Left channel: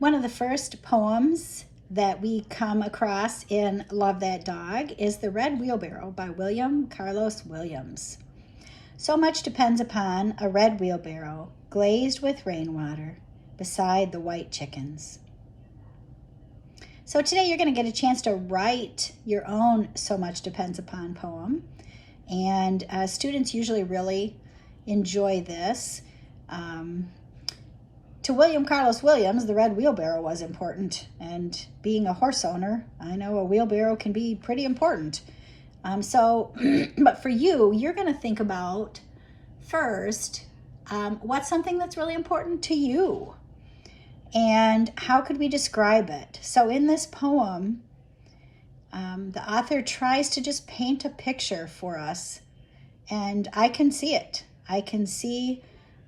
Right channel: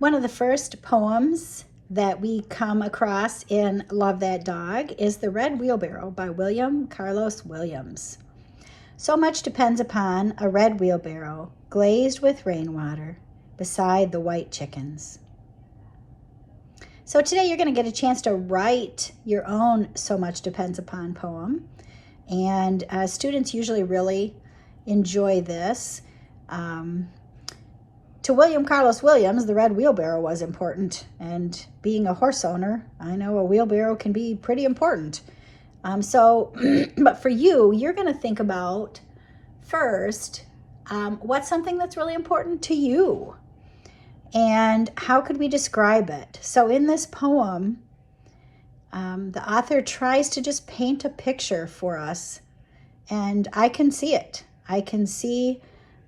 One of the first poems that we come across in Love That Dog is The Red Wheelbarrow by William Carlos Williams. So much depends upon a red wheelbarrow glazed with rainwater beside the white chickens. So today you're going to get a chance to write your own So Much Depends Upon poem. And students usually really enjoy this. To William Carlos Williams, the red wheelbarrow was important. And being a horse owner, I know a wheelbarrow can be pretty important. But for you, you're going to think about first, what's something that's really important to you? And how could we describe it? So in this poem, the author tries to just paint a picture for us, and I can see it. I can see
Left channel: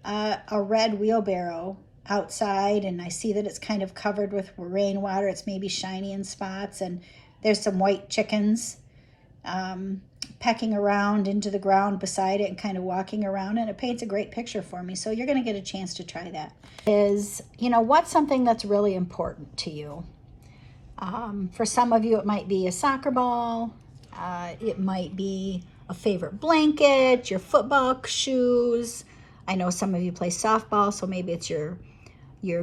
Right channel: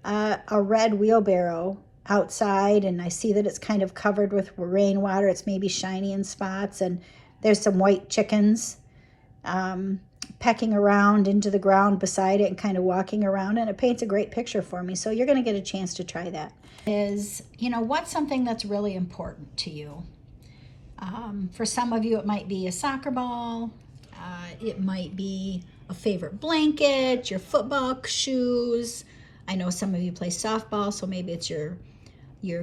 a red wheelbarrow outside, and I see that it's kind of covered with rainwater. It's maybe shiny in spots, and there's some white chickens pecking around into the ground beside it and kind of walking around, and it paints a great picture for me. So you're going to get a chance to try that. What's something that's really important to you? For some of you, it might be a soccer ball. It might be a favorite blanket, your football shoes. I know some of you play softball, so maybe it's your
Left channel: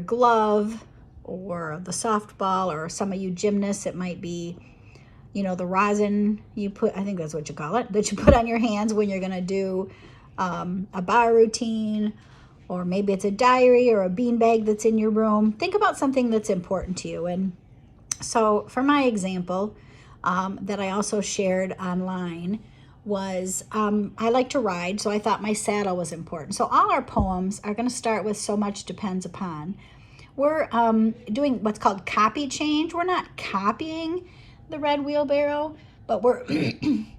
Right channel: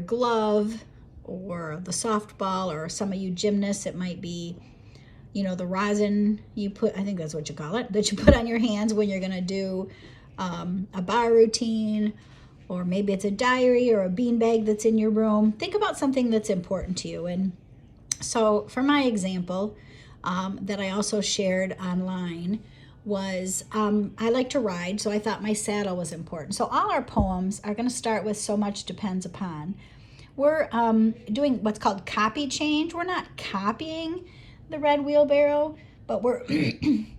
glove or the softball, or some of you gymnasts, it might be, the rosin you put, I think that's what you call it, that you put on your hands when you're going to do a bar routine, or maybe it's a diary or a beanbag that's in your room. Think about something that's important to you. And so for my example, that I also shared online was, I like to ride, so I thought my saddle was important. So all our poems are going to start with So Much Depends Upon. We're doing what's called copy change. We're not copying the red wheelbarrow, but we're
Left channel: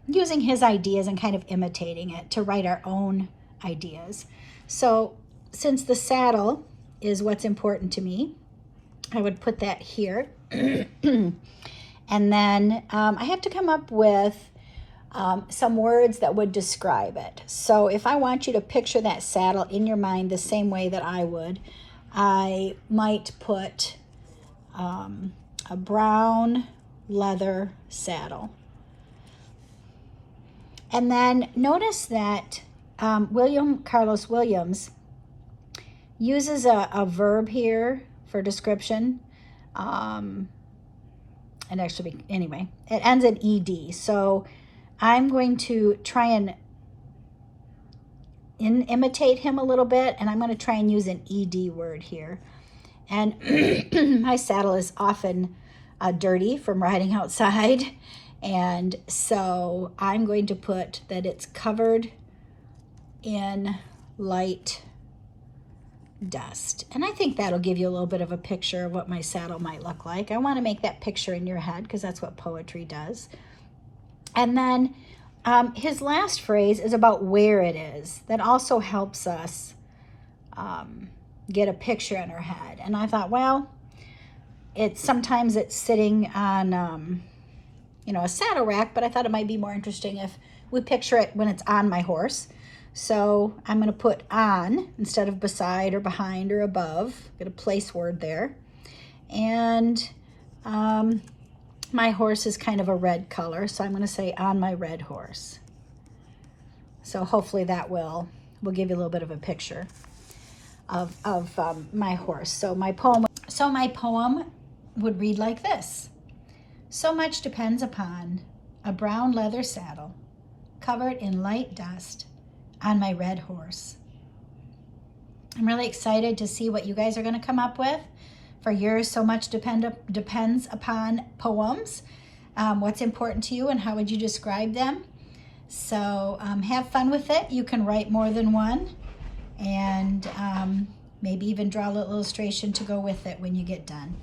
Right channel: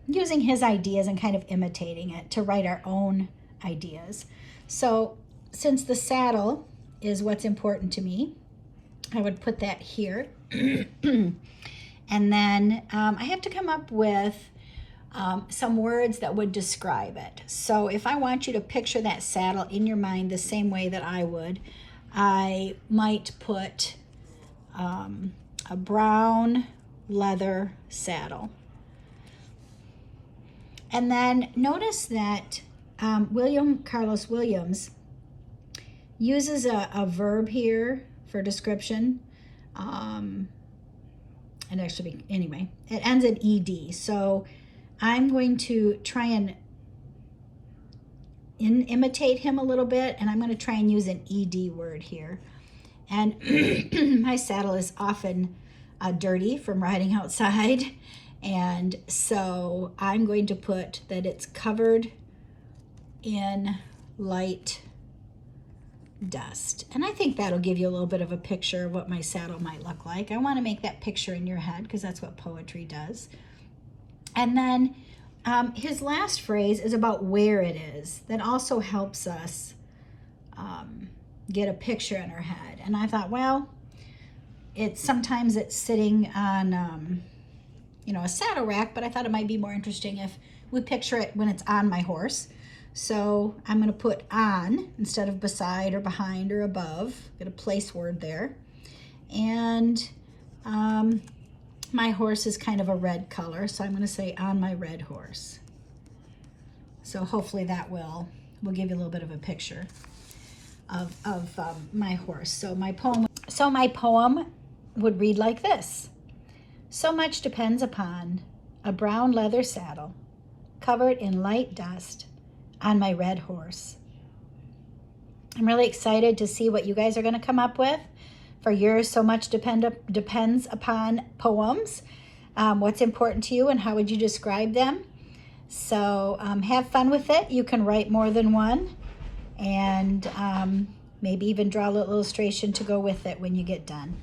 using his ideas and kind of imitating it to write our own ideas. So since the saddle is what's important to me, I would put that here. And then I have to come up with some words that would describe it. So if I want you to picture that saddle in your mind the same way that I would, I might put a brown leather saddle. And then notice that William Carlos Williams uses a verb here for description. And actually, anyway, it ends in ed. So I'm going to try and imitate him a little bit, and I'm going to try and use an ed word here. And my saddle is often dirty from riding outside, and so I'm going to put that it's covered in light dust. And I think that'll give you a little bit of a picture of what my saddle might look like. I want to make that picture in your head because that's what poetry does. And then his last phrase is about where it is. That also helps us get a picture in our head. And I thought, well, sometimes it's sitting on a saddle rack, but I thought it might be more interesting if we picture it when it's on my horse. So I'm going to put on instead of beside or behind or above. Get a place word there. And my horse is kind of a red color, so I'm going to say on my red horse. So hopefully that will give you a little bit of a picture of my horse. So my poem would read like this. So much depends upon a brown leather saddle covered in light dust on my red horse. I'm really excited to see what you guys are going to come up with for your So Much Depends Upon poems. What's important to you and how would you describe them? So have fun with it. You can write more than one, and maybe even draw a little illustration to go with it when you get done.